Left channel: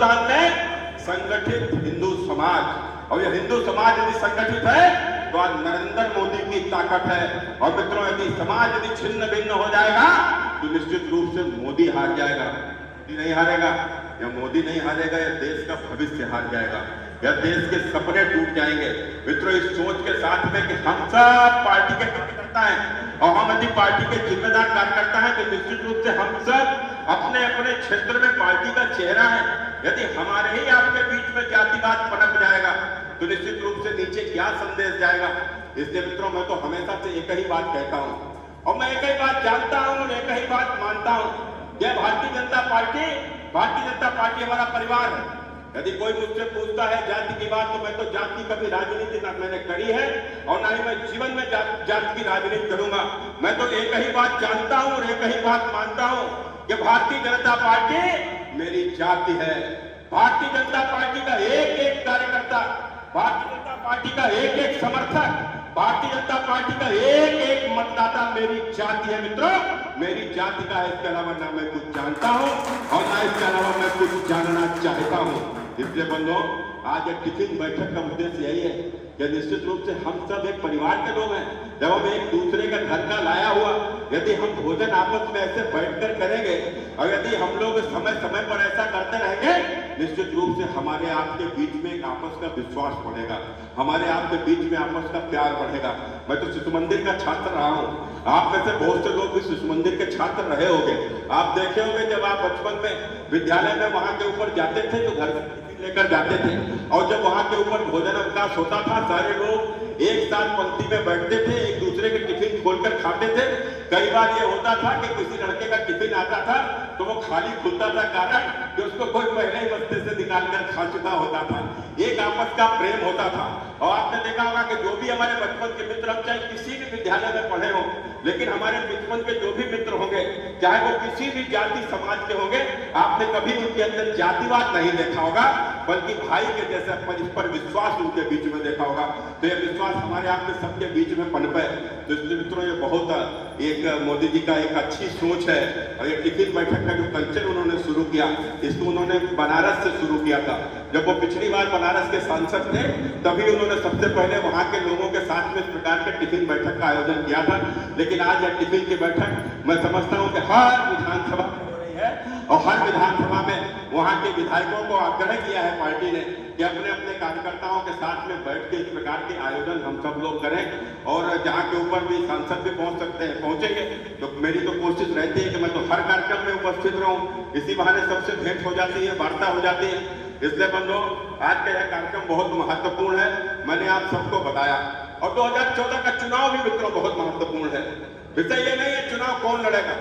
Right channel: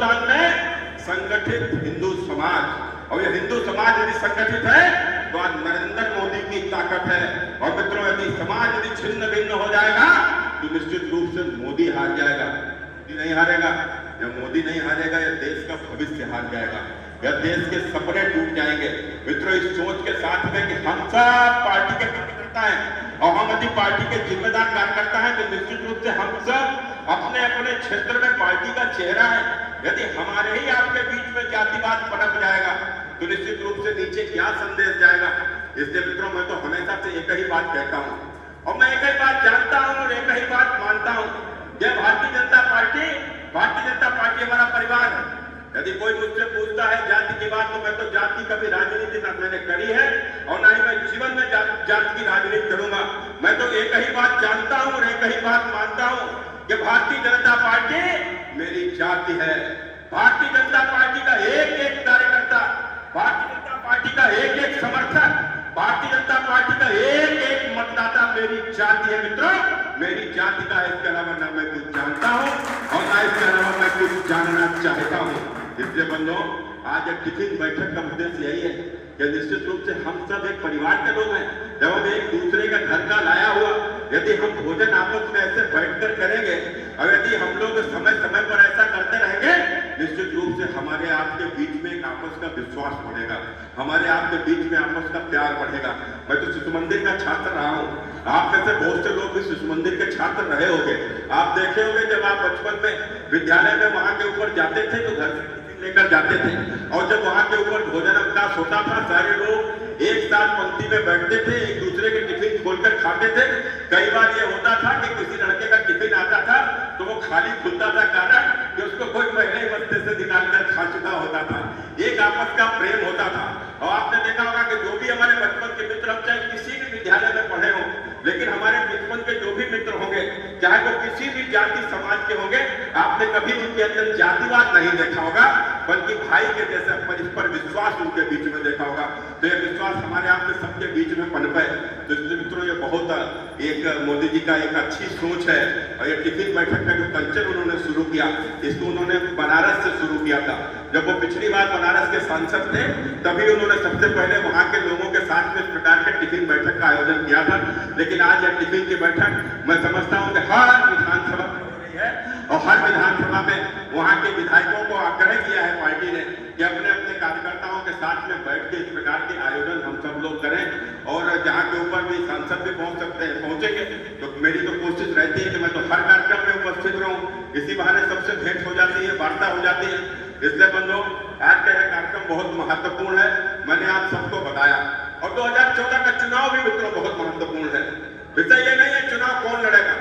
हिंदुस्तान में संगठित हिंदू समाज, और ये हिंदू समाज यदि संगठित है तो आज नरेंद्र मोदी की ताकत है। और मित्रों, यदि समाज यदि छिन्न भिन्न हो जाएगा तो निश्चित रूप से मोदी हार जाएगा। मोदी नहीं हारेगा, या मोदी नहीं हारेगा, या देश का भविष्य हार जाएगा, या देश के सपने टूट जाएंगे। मित्रों, इस सोच के साथ में कि हम सब पार्टी के कार्यकर्ता हैं और हम यदि पार्टी के जिम्मेदार कार्यकर्ता हैं तो निश्चित रूप से हम सब अपने अपने क्षेत्र में पार्टी का चेहरा है। यदि हमारे ही आपके बीच में जातिवाद पनप जाएगा तो निश्चित रूप से नीचे क्या संदेश जाएगा। इसलिए मित्रों, मैं तो हमेशा से एक ही बात कहता हूं और मैं एक ही बात जानता हूं और एक ही बात मानता हूं, यह भारतीय जनता पार्टी हमारा परिवार है। यदि कोई मुझसे पूछता है जाति की बात, तो मैं तो जाति की कभी राजनीति ना मैंने करी है और ना ही मैं जीवन में जाति की राजनीति करूंगा। मैं तो एक ही बात जानता हूं और एक ही बात मानता हूं कि भारतीय जनता पार्टी मेरी जाति है। भारतीय जनता पार्टी का एक एक कार्यकर्ता, भारतीय जनता पार्टी का एक एक समर्थक, भारतीय जनता पार्टी का एक एक मतदाता मेरी जाति है। मित्रों, मेरी जाति का है, इसके अलावा ना मैं कुछ जानता हूं और ना इसके अलावा मैं कुछ जानना चाहता हूं। इसलिए बंधुओं, आज एक टिफिन बैठक का उद्देश्य यही है कि निश्चित रूप से हम सब एक परिवार के लोग हैं। जब हम एक दूसरे का घर का लाया हुआ यदि हम भोजन आपस में ऐसे बैठकर करेंगे और यदि हम लोग समय समय पर ऐसा करते रहेंगे, निश्चित रूप से हमारे आपके बीच में एक आपस का विश्वास बढ़ेगा, हमारे आपके बीच में आपस का प्यार बढ़ेगा। मैं तो शिशु मंदिर का छात्र रहा हूं, आप में से बहुत से लोग भी शिशु मंदिर के छात्र रहे होंगे। आप देखे होंगे जब आप बचपन में विद्यालय में वहां के ऊपर जाते थे तो घर से लेकर जाते थे, और जब वहां के ऊपर भोजन अवकाश होता था सारे लोग एक साथ पंक्ति में बैठते थे, एक दूसरे के टिफिन खोलकर खाते थे। कई बार ये होता था कि किसी लड़के का टिफिन आता था तो वो खाली खुलता था, कारण कि उसको कोई पहले ही बस्ते से निकालकर खा चुका होता था। एक आपस का प्रेम होता था। और आपने देखा होगा कि जो भी हमारे बचपन के मित्र, हम चाहे किसी भी विद्यालय में पढ़े हों, लेकिन हमारे बचपन के जो भी मित्र होंगे, चाहे वो किसी भी जाति समाज के होंगे, आपने कभी उनके अंदर जातिवाद नहीं देखा होगा, बल्कि भाई के जैसे परस्पर विश्वास उनके बीच में देखा होगा। तो ये विश्वास हमारे आपके सबके बीच में पनपे। तो इसलिए मित्रों, ये बहुत एक मोदी जी का एक अच्छी सोच है। और ये टिफिन बैठक का जो कल्चर उन्होंने शुरू किया, इसको उन्होंने बनारस से शुरू किया था। जब वो पिछली बार बनारस के सांसद थे तभी उन्होंने सबसे पहले वहां के लोगों के साथ में इस प्रकार के टिफिन बैठक का आयोजन किया था। लेकिन आज यह टिफिन की बैठक मैं समझता हूं कि हर विधानसभा में हो रही है, और हर विधानसभा में वहां के विधायकों को आग्रह किया है पार्टी ने कि अपने अपने कार्यकर्ताओं के साथ में बैठ के इस प्रकार के आयोजन हम सब लोग करें। और जहां के ऊपर भी सांसद भी पहुंच सकते हैं, पहुंचेंगे। तो मेरी तो कोशिश रहती है कि मैं तो हर कार्यक्रम में उपस्थित रहूं, इसी बहाने सबसे भेंट हो जाती है, वार्ता हो जाती है। इसलिए बंधुओं, आज का यह कार्यक्रम बहुत महत्वपूर्ण है, मैंने आप सबको बताया। और 2014 का चुनाव भी मित्रों बहुत महत्वपूर्ण है। विषय ये नहीं है चुनाव कौन लड़ेगा,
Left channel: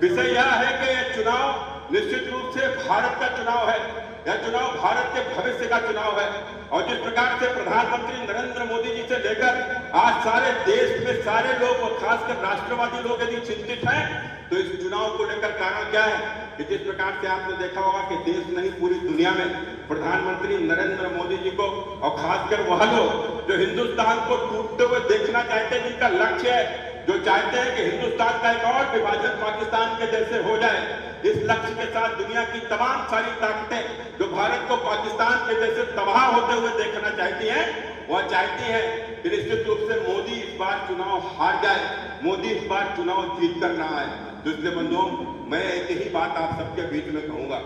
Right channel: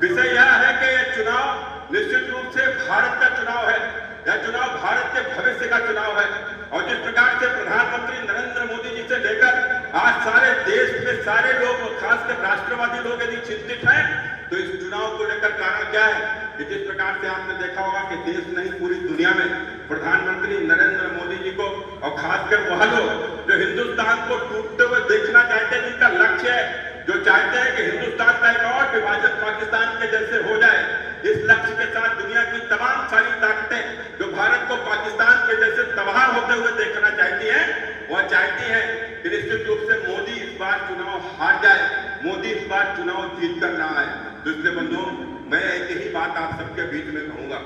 विषय यह है कि यह चुनाव निश्चित रूप से भारत का चुनाव है। यह चुनाव भारत के भविष्य का चुनाव है। और जिस प्रकार से प्रधानमंत्री नरेंद्र मोदी जी से लेकर आज सारे देश में सारे लोग, खासकर राष्ट्रवादी लोग यदि चिंतित हैं, तो इस चुनाव को लेकर कारण क्या है कि जिस प्रकार से आपने देखा होगा कि देश नहीं पूरी दुनिया में प्रधानमंत्री नरेंद्र मोदी जी को, और खासकर वह लोग जो हिंदुस्तान को टूटते हुए देखना चाहते हैं, जिनका लक्ष्य है, जो चाहते हैं कि हिंदुस्तान का एक और विभाजन पाकिस्तान के जैसे हो जाए, इस लक्ष्य के साथ दुनिया की तमाम सारी ताकतें जो भारत को पाकिस्तान के जैसे तबाह होते हुए देखना चाहती हैं, वह चाहती है कि निश्चित रूप से मोदी इस बार चुनाव हार जाए, मोदी इस बार चुनाव जीत कर ना आए। तो इसलिए बंधुओं, मैं एक ही बात आप सबके बीच में कहूंगा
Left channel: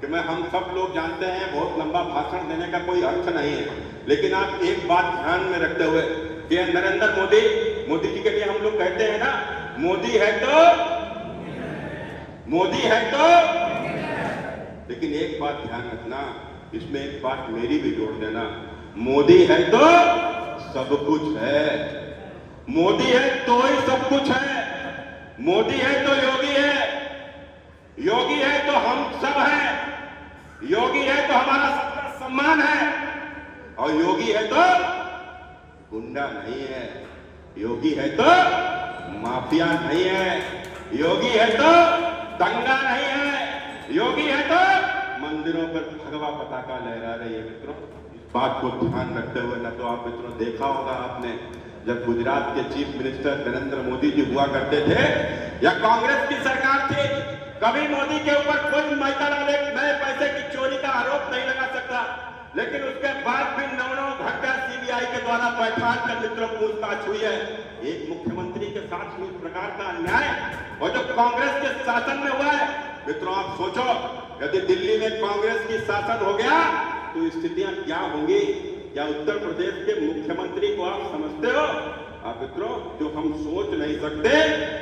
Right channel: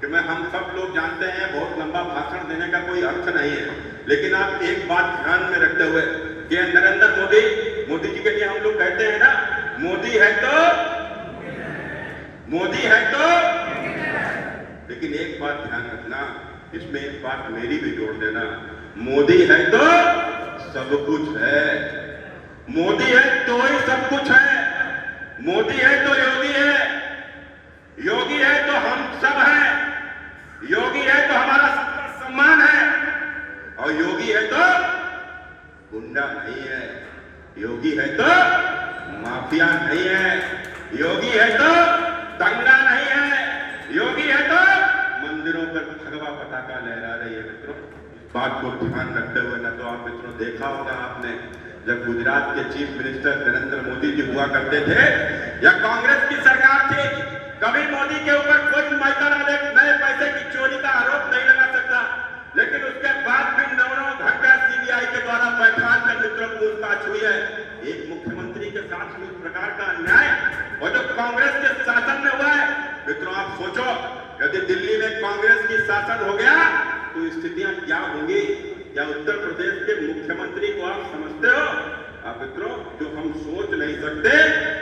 कि हम सब लोग जानते हैं बहुत लंबा भाषण देने का कोई अर्थ नहीं है, लेकिन आप एक बात ध्यान में रखते हुए कि नरेंद्र मोदी जी के लिए हम लोग कहते हैं ना, मोदी है तो, लेकिन एक बात ध्यान रखना, इसमें एक बात मेरी भी जोड़ देना, मोदी है तो सब कुछ है, मोदी है तो ही सब कुछ है, मोदी है तो योगी है, योगी है तो हम सब हैं, योगी है तो हमारा सबका सम्मान है, और योगी है तो गुंडा नहीं है, योगी है तो माफिया नहीं है, योगी है तो दंगा नहीं है, योगी है तो मंदिरों पर भगवा पताका लहरा रही है। मित्रों, इस बात को ध्यान रखते हुए, ना तो आप मित्रों देखा होगा आपने, जब गुजरात के चीफ मिनिस्टर नरेंद्र मोदी जी हुआ करते थे या कांग्रेस की सरकार थी, कभी मोदी के ऊपर कोई नए पैसे की चोरी का आरोप नहीं द्वारा बैठा कर मित्रों पूछताछ हुई है। एक मुख्यमंत्री के साथ इस प्रकार का अन्याय और जो कांग्रेस के शासन में हुआ है, मित्रों आप सोचो, यदि दिल्ली में कांग्रेस की शासन हो गया तो स्थितियां क्या होंगी? क्या उत्तर प्रदेश के मुख्यमंत्री को आप समझते हो? आप मित्रों, जो हम सोच नहीं सकते,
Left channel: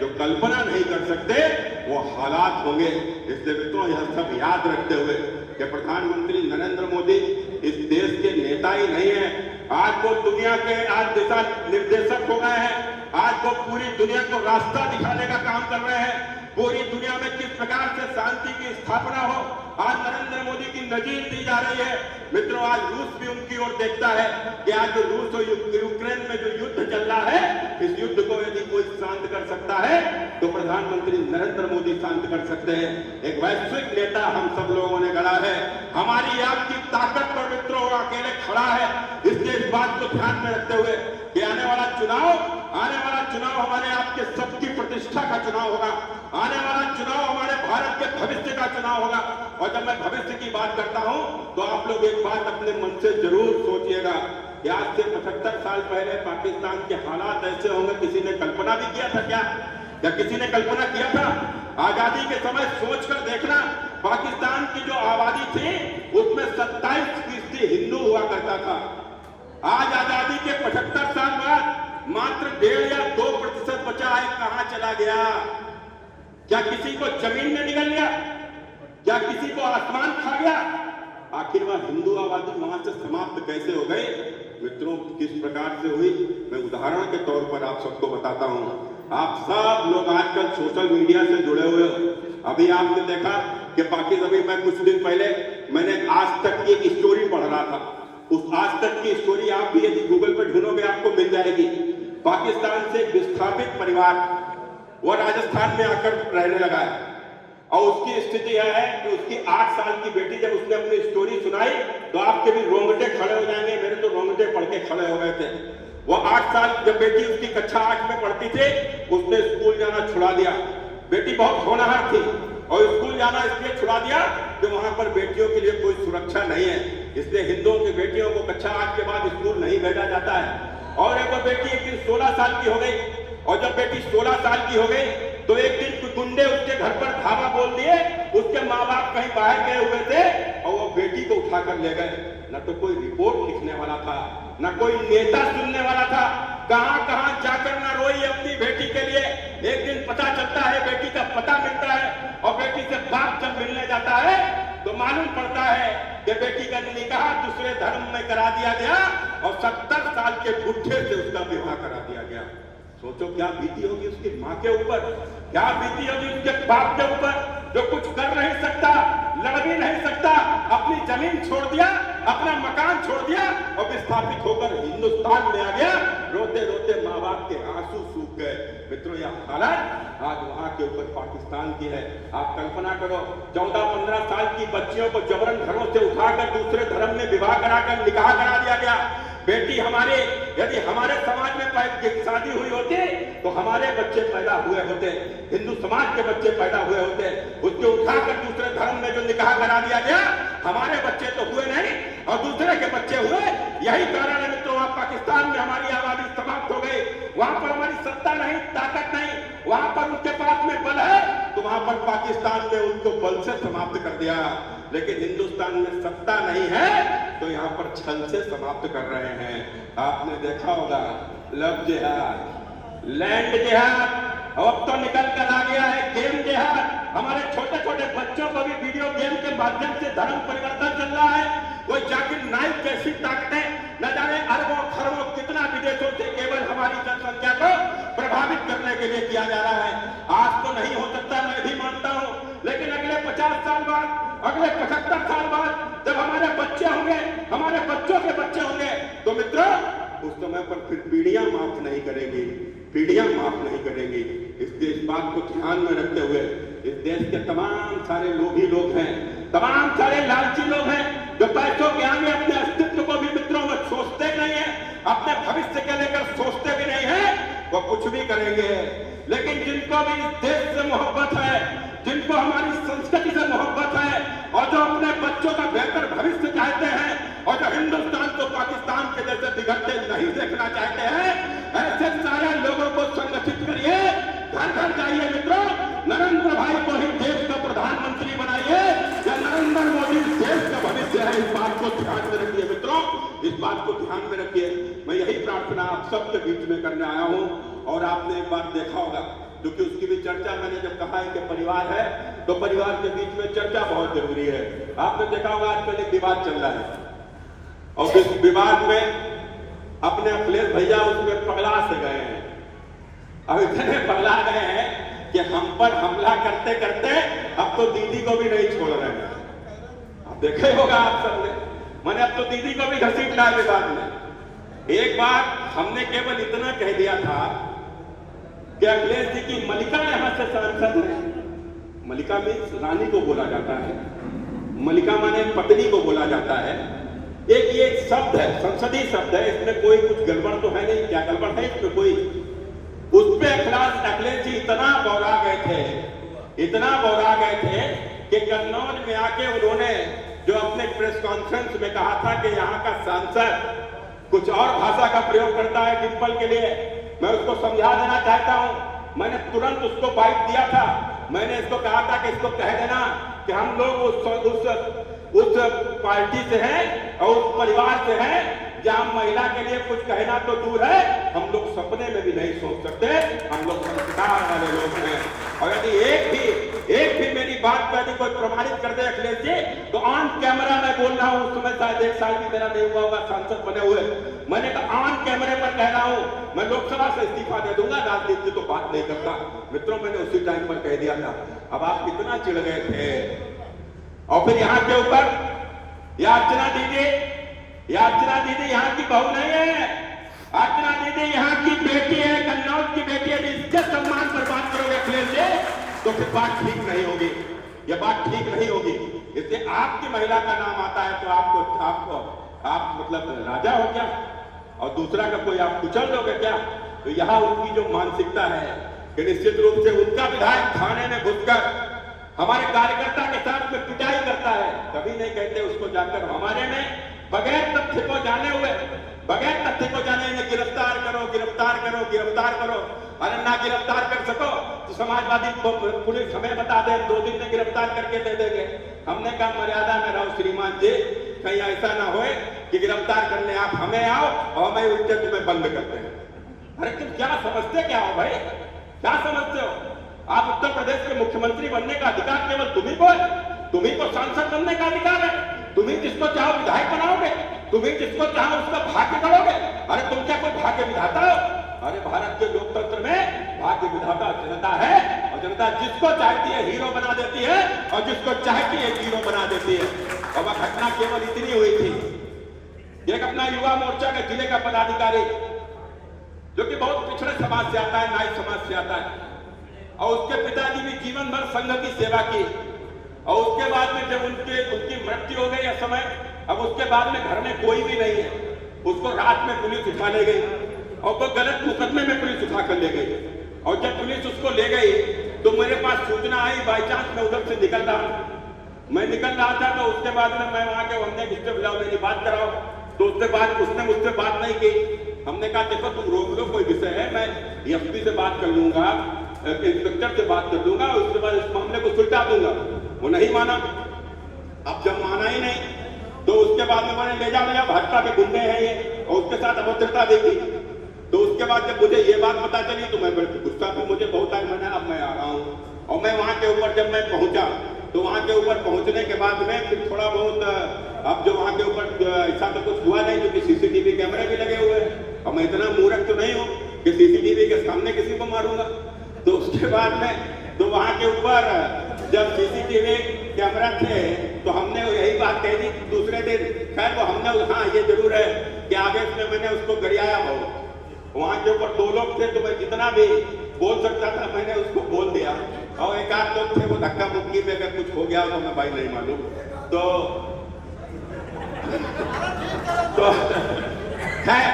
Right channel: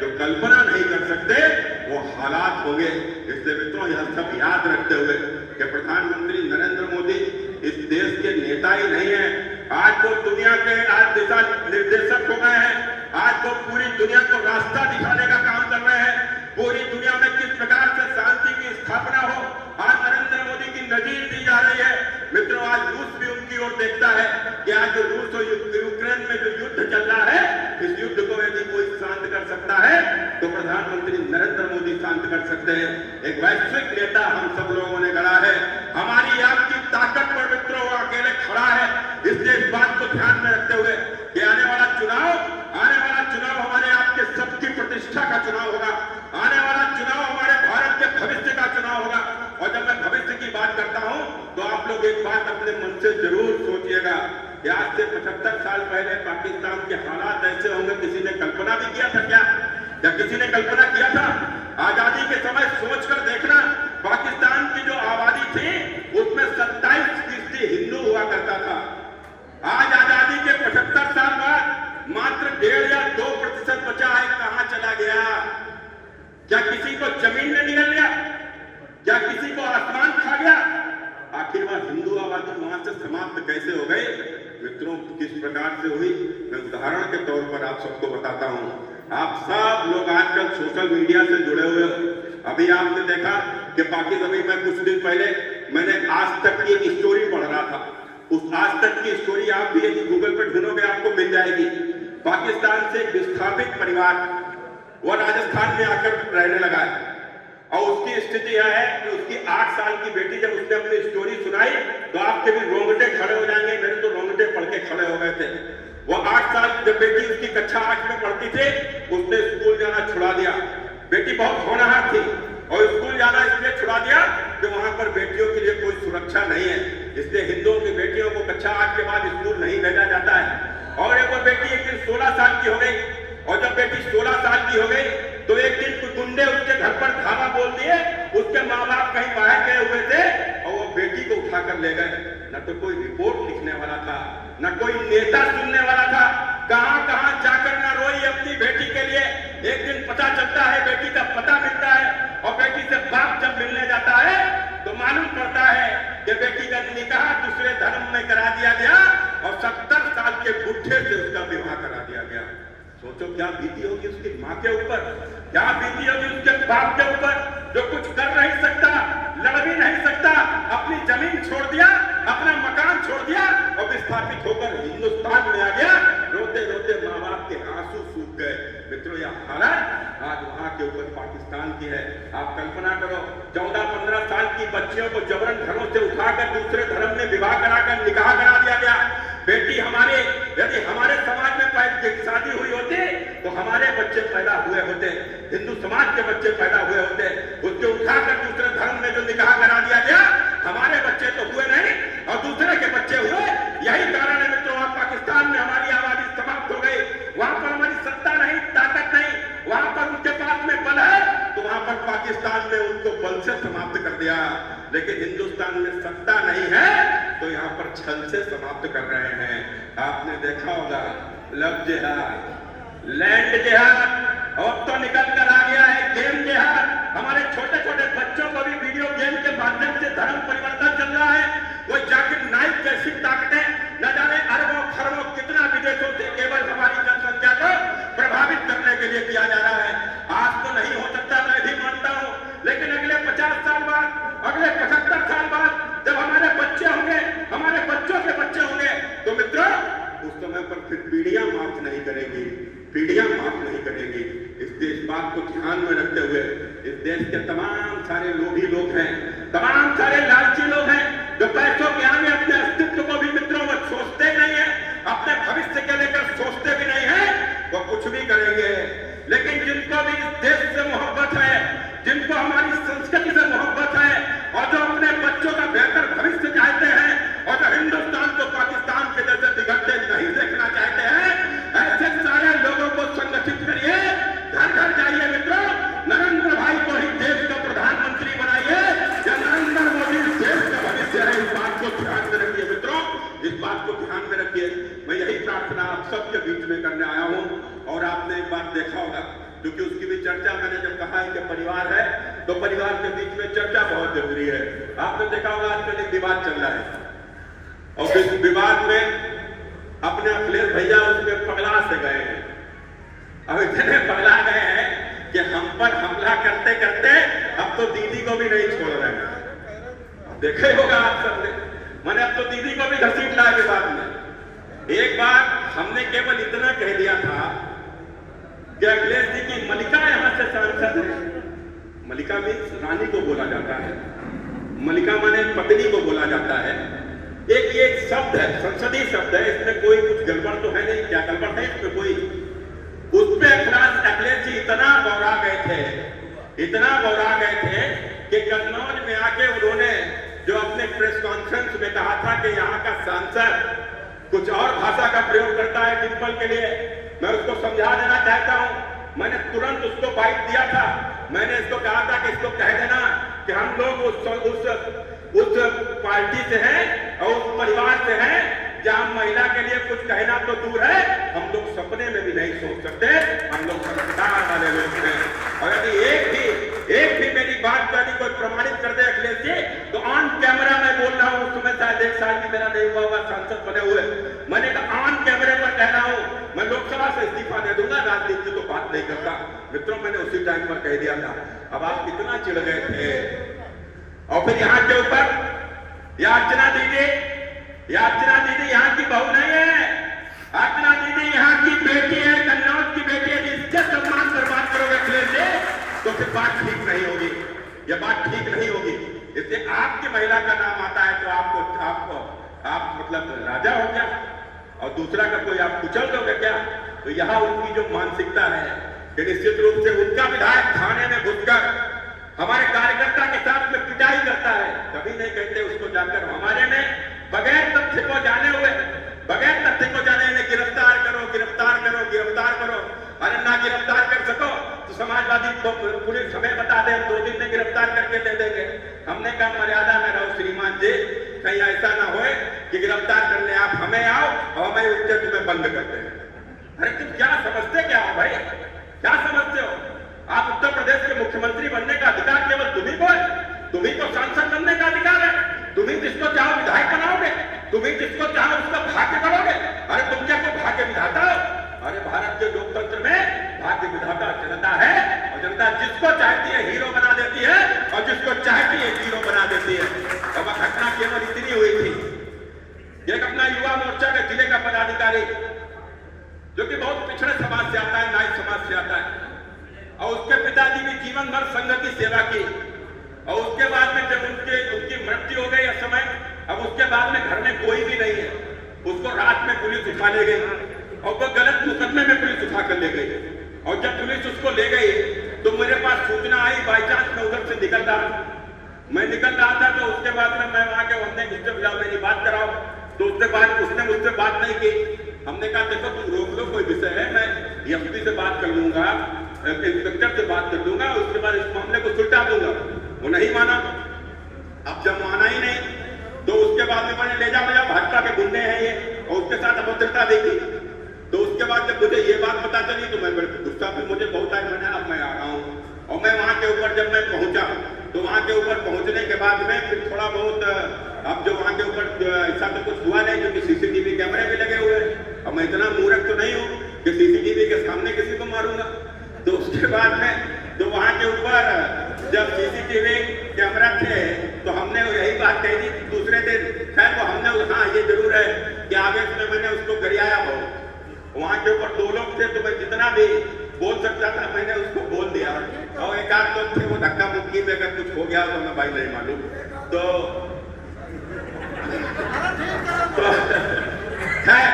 जो कल्पना नहीं कर सकते, वो हालात होंगे। इसलिए मित्रों यह सब याद रखते हुए कि प्रधानमंत्री नरेंद्र मोदी इस देश के नेता ही नहीं है, आज वो दुनिया के आज दिशा निर्देशक हो गए हैं। आज वो पूरी दुनिया को रास्ता दिखाने का काम कर रहे हैं। पूरी दुनिया में किस प्रकार से शांति की स्थापना हो, आज नरेंद्र मोदी की नजीर दी जा रही है। मित्रों, आज रूस भी उनकी ओर देखता है कि आज जो रूस और यूक्रेन में जो युद्ध चल रहा है, इस युद्ध को यदि कोई शांत कर सकता है तो प्रधानमंत्री नरेंद्र मोदी शांत कर सकते हैं। एक वैश्विक नेता हम सब लोगों ने गढ़ा है, हमारी आपकी ताकत पर मित्रों वो अकेले खड़ा है। इसलिए इस बात को ध्यान में रखते हुए कि आने वाला चुनाव हमारे आपके सबकी प्रतिष्ठा का चुनाव होगा। आने वाला चुनाव हमारे भारत के भविष्य का चुनाव होगा। और जब मैं भविष्य की बात करता हूं तो आप लोग एक बात अपने मन से जरूर सोचिएगा कि आज से 75 साल पहले पाकिस्तान के हालात ऐसे होंगे, किसी ने कल्पना भी किया था क्या? किसी ने कल्पना किया था? आजादी के समय सोचकर देखना, पाकिस्तान की जो आबादी थी उसमें 27% हिंदू हुआ करता था। आज आजादी के 75 साल बाद मात्र 1.5 या 2% बचा है। कहां चला गया? क्या किसी को जमीन में निगल लिया? क्या किसी को आसमान खा गया? आखिर वह हिंदू आबादी वहां से समाप्त कैसे हो गई? मित्रों, किस प्रकार से हुई मैं उदाहरण के तौर पर आप सबको बताता हूं। आप सब लोग आजकल सोशल मीडिया से जुड़े हुए हो। अभी आपने देखा कि पाकिस्तान में कुछ दिन पहले मैंने आज तक की एक स्टोरी पढ़ रहा था। उस आज तक की स्टोरी आप भी यदि गूगल पर ढूंढोगे आपको मिल जाएगी। पाकिस्तान से एक विस्थापित परिवार वो राजस्थान में आकर रहने लगा है और उसकी स्थिति यह है कि उसकी 8 साल की बेटी, जब उसने अपनी स्टोरी सुनाई तो आपके भी रोंगटे खड़े हो जाएंगे। मेरे तो रोंगटे पढ़ के खड़े हो गए थे। वो 8 साल जब बेटी उसकी कक्षा 8 में पढ़ती थी, उसने स्कूल जाना छुड़ा दिया। बेटी बहुत होनहार थी और स्कूल जाना इसलिए छुड़ा दिया कि वहां पर बेटियों के लिए कोई सुरक्षा नहीं है। इसलिए हिंदुओं की बेटियों को कक्षा 8 के बाद स्कूल नहीं भेजा जाता है। और एक बेटी एक दिन 16 साल की हो गई और जब बेटी 16 साल की हो गई तो एक दिन गुंडे उसके घर पर धावा बोल दिए। उसके माँ बाप कहीं बाहर गए हुए थे और वो बेटी को उठाकर ले गए। न तो कोई रिपोर्ट लिखने वाला था, न कोई नेता सुनने वाला था। कहां कहां जाकर न रोई अपनी बेटी के लिए। एक दिन पता चलता है, बेटी का पता मिलता है और बेटी से बाप जब मिलने जाता है तो मालूम पड़ता है कि बेटी का निकाह दूसरे धर्म में करा दिया गया और 70 साल के बुढ़े से उसका विवाह करा दिया गया। सोचो क्या बीती होगी उसकी माँ के ऊपर, क्या बीती होगी उसके बाप के ऊपर, जो कुछ कर नहीं सकता, लड़ भी नहीं सकता, अपनी जमीन छोड़ दिया, अपना मकान छोड़ दिया और विस्थापित होकर हिंदुस्तान में आ गया। रोते रोते माँ बाप के आंसू सूख गए। मित्रों, यह हालत आज वहां के ऊपर पाकिस्तान की है। आप कल्पना करो, 14-15 साल की बच्चियों को जबरन घरों से उठाकर दूसरे धर्म में विवाह कराकर निकाह करा दिया गया। बेटी हमारे, यदि हमारे समाज में शादी हुई होती तो हमारे बच्चे पैदा हुए होते, हिंदू समाज के बच्चे पैदा हुए होते। उसके उठाकर दूसरे धर्म में जो निकाह करा दिया गया, हमारे बच्चे तो हुए नहीं और दूसरे के बच्चे हुए। यही कारण है मित्रों, पाकिस्तान में हमारी आबादी समाप्त हो गई। वहां पर हमारी सत्ता नहीं, ताकत नहीं, वहां पर उनके पास में बल है तो वहां पर पाकिस्तान ने उनको बल से समाप्त कर दिया। लेकिन हिंदुस्तान में सत्ता नहीं है तो यहाँ पर छल से समाप्त कर रहे हैं। आपने देखा होगा लव जिहाद, लैंड जिहाद, अब तो निकल कर आ गया है गेम जिहाद। हमारे छोटे छोटे बच्चों को भी वीडियो गेम के माध्यम से धर्म परिवर्तन चल रहा है। वो जाकिर नाइक जैसी ताकतें न जाने अरबों खरबों कितना विदेशों से केवल हमारी जनसंख्या को प्रभावित करने के लिए किया जा रहा है। आज तो नहीं हो सकता, मैं भी मानता हूं, लेकिन अगले 50 साल बाद, अगले 75 साल बाद जब हमारे बच्चे होंगे, हमारे बच्चों के बच्चे होंगे तो मित्रों उस समय पर फिर पीढ़ियां माफ नहीं करेंगी, पीढ़ियां माफ नहीं करेंगी। इस बात को ध्यान में रखते हुए इस देश के तमाम सारे लोभी लोग हैं, तमाम सारे लालची लोग हैं जो पैसों के आगे अपने अस्तित्व को भी मित्रों वो सोचते नहीं है, अपने भविष्य के लेकर सोचते भी नहीं है। वो कुछ भी करेंगे, लेकिन जिनको भी इस देश से मोहब्बत है, जिनको हमारी संस्कृति से मोहब्बत है और जो अपने बच्चों का बेहतर भविष्य चाहते हैं और जो हिंदुस्तान को पाकिस्तान के जैसे बिगड़ते नहीं देखना चाहते हैं, ऐसे सारे लोगों को संगठित करिए, घर घर जाइए मित्रों, नरेंद्र भाई को ही देश का प्रधानमंत्री बनाइए, या नरेंद्र मोदी देश का भविष्य है, इस बात को ध्यान में रखिए मित्रों, इस बात को ध्यान में रखिए। मैं यही प्रार्थना आप सबके बीच में करने आया हूं। और आपने एक बात देखा होगा, क्योंकि उसकी भी चर्चा मैंने जब कहा है कि परिवार है, तो परिवार के बीच में चर्चा बहुत जरूरी है। आपने देखा होगा आजकल एक विवाद चल रहा है, और इस विवाद में अपने अखिलेश भैया उसमें पगला से गए हैं। अब इतने पगला गए हैं कि हम पर हमला करते करते अब तो दीदी को भी नहीं छोड़ रहे हैं। अब देखे होगा आप सबने, मैंने अब तो दीदी को भी घसीट लाया विवाद में। एक बार हमने केवल इतना कह दिया था कि अखिलेश जी की मलिका यहां से सांसद है। मलिका मीन्स रानी को बोला जाता है, मलिका माने पत्नी को बोला जाता है। एक ये शब्द है, संसदीय शब्द है, इसमें कोई कुछ गड़बड़ तो है नहीं। क्या गड़बड़ है इसमें कोई? उस पे अखिलेश जी इतना बौरा गए थे, इतना बौरा गए थे कि कन्नौज में आके उन्होंने जो अपने प्रेस कॉन्फ्रेंस में कहा था कि यहाँ का सांसद कुछ और भाषा का प्रयोग करता है डिंपल के लिए, मैं उसको समझा देना चाहता हूं। मैंने तुरंत उसको बाइट दिया था, मैंने इसको कहा था कि इसको कह देना कि हम लोग उस पार्टी से हैं और उस परिवार से हैं जहां महिला के लिए कुछ कहना तो दूर है, हम लोग सपने में भी नहीं सोच सकते, हम लोग संस्कार वाले लोग हैं। और यदि एक भी मेरी बात का यदि कोई प्रमाणित कर दे अखिलेश जी, तो ऑन कैमरा मैं बोल रहा हूं, उस समय शायद 1 साल भी मेरा नहीं हुआ होगा सांसद बने हुए, मैंने कहा ऑन कैमरे पर कह रहा हूं, मैं लोकसभा से इस्तीफा दे दूंगा, राजनीति तो बात नहीं करता। मित्रों, मैंने उसी टाइम पर कह दिया था। अब आप कितना चिढ़ गए थे। और फिर यहाँ के ऊपर अर्चना दीदी यहाँ की बहू नहीं है, अर्चना दीदी यहाँ की बेटी है, कन्नौज की बेटी है। इसके सम्मान पर बात करोगे अखिलेश जी तो फिर बात ठीक नहीं होगी, यह बात ठीक नहीं होगी। इससे आपकी महिला का नाम आता है तो आप मतलब राजा हो क्या, और दूसरा का कोई आप कुचल दोगे क्या? तो यहाँ उनकी जो मानसिकता है कि निश्चित रूप से उनका विधायक थाने में घुसकर हमारे कार्यकर्ता के साथ में पिटाई करता है, कभी नहीं कहते उसको जाकर हमारे में बगैर तथ्य को जाने गिरफ्तार करो, गिरफ्तार करो, गिरफ्तार करो। अरे ना गिरफ्तार कर सको तो समाजवादी पुलिस हमें बता दे, 2 दिन में गिरफ्तार करके दे देंगे। हमने कहा मर्यादा में रहो श्रीमान जी, कहीं ऐसा ना हो कि गिरफ्तार करने आप हमें आओ और हमें उल्टे तुम्हें बंद करते हैं। अरे तुम क्या समझते क्या हो भाई, क्या समझते हो? आप उत्तर प्रदेश के मुख्यमंत्री बनने का अधिकार केवल तुम्ही को है, तुम्ही को सांसद बनने का अधिकार है, तुम्ही जिसको चाहो विधायक बनाओगे, तुम्ही जिसको चाहो उसका भाग्य करोगे। अरे तुम क्या कोई भाग्य विधाता हो? अरे भारत के लोकतंत्र में भाग्य विधाता जनता है, और जनता जिसको चाहती है हीरो बना देती है और जिसको चाहती है जीरो बना देती है। और वह घटना केवल इतनी हुई थी, एक अपना युवा मोर्चा के जिले का पदाधिकारी जो कि बहुत पिछड़े समाज से आता है, नाई समाज से आता है, और उसके पिताजी भी जीवन भर संघ की सेवा की, और उसके बाद में जब उनकी मृत्यु हो गई समय, अब उसके बाद में घर में कोई भी नहीं है, उसको रात में पुलिस उठा ले गई और वो गलत मुकदमे में पुलिस उठा कर ले गई। और जब पुलिस उसको ले गई तो मेरे पास सूचना आई, बाई चांस मैं उधर से निकल रहा था, तो उसके बाद में मैं वहां के हमने किससे बुलाओ मेरी बात कराओ, तो उसने मुझसे बात नहीं की। हमने कहा देखो तुम रोक लो, कोई विषय है, मैं एसपी से बात कर लूंगा, इंस्पेक्टर से बात कर लूंगा, उसके बाद इस मामले को सुलझा दूंगा। वो नहीं माना। अब जब माना ही नहीं तो उसके बाद में मैंने ले जा भाजपा के गुंडे हैं ये, और उसके साथ अभद्रता देखी। तो उसके बाद जब मुझे ये बात पता चली तो मैं गुस्सा भी मुझे बहुत आई। मैंने अब मैं आ रहा हूँ, और मैं वहां के ऊपर जब मैं पहुंचा तो वहां के ऊपर पहुंचने के बाद में फिर थोड़ा बहुत अब जो वहां के ऊपर ऐसा तो कुछ हुआ नहीं, क्योंकि सीसीटीवी कैमरे भी लगे हुए हैं, और मैं इतना मूर्ख तो नहीं हूँ कि सीसीटीवी के सामने किसी को मारूंगा। तो उसके बाद में तो वहां के ऊपर जब सीसीटीवी कैमरा थे तो हमने यही बात कही थी दूसरे दिन। खैर वो हमने, हाँ ये जरूर है कि आवेश में मैंने उसको गरियाया बहुत। वहां के ऊपर 2 लोग थे तो मैं जितना भी बोल सकता था मैंने उसको बोल दिया, और 1 आध लोग थे वो धक्का मुक्की में अगर कुछ हो गया तो मैं भाई नहीं मालूम। तो खैर